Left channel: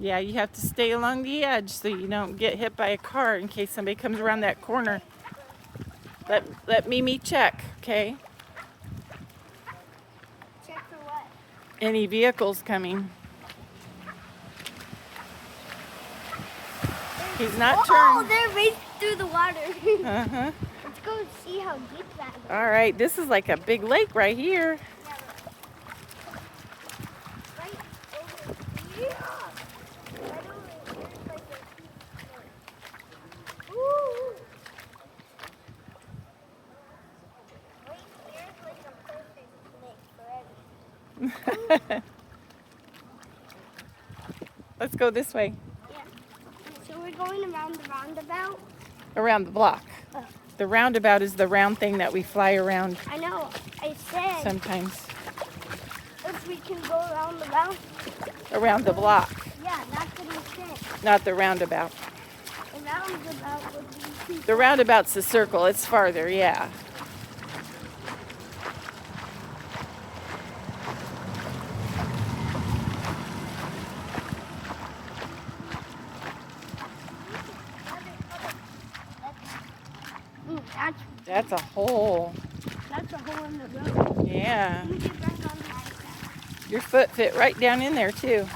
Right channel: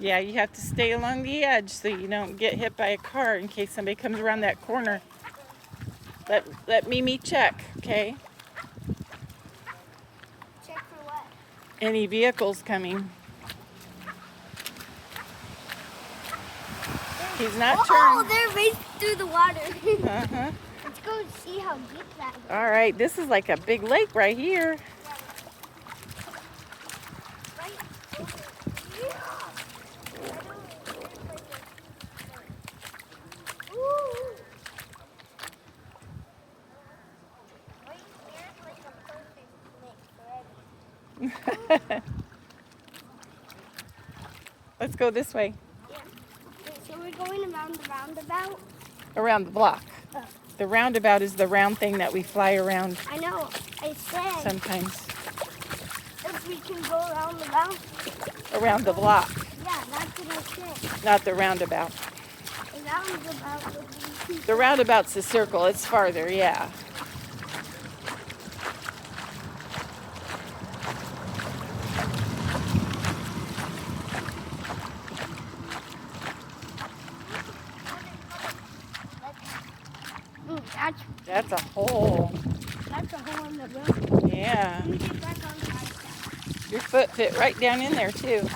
Yeah, you have to stay along the edge so you don't get hit by a car in case somebody comes around that corner. Let Mimi check, okay? Check for what? Any vehicles coming. He's not turned. Oh, they're right through the water. Uh-huh. Let's go see how deep that is. All right, this is like a big lake right here. Right over here. Right over here is like a Ooh. Right here is like a perfect lake for everything. Let's go this way. Yeah. Okay, so we're going around the roundabout. Around the block. Oh. The roundabout is the round thing that we fly around I know. I said sometimes. if we can go around the round. Around the block, Yeah, that's what I said. not the roundabout. The roundabout would be The roundabout's the circle. It's farther, yeah. That's a hole. That's a hole in the road. Yeah. Let me get back on the ice. Your foot fit right down in there, too.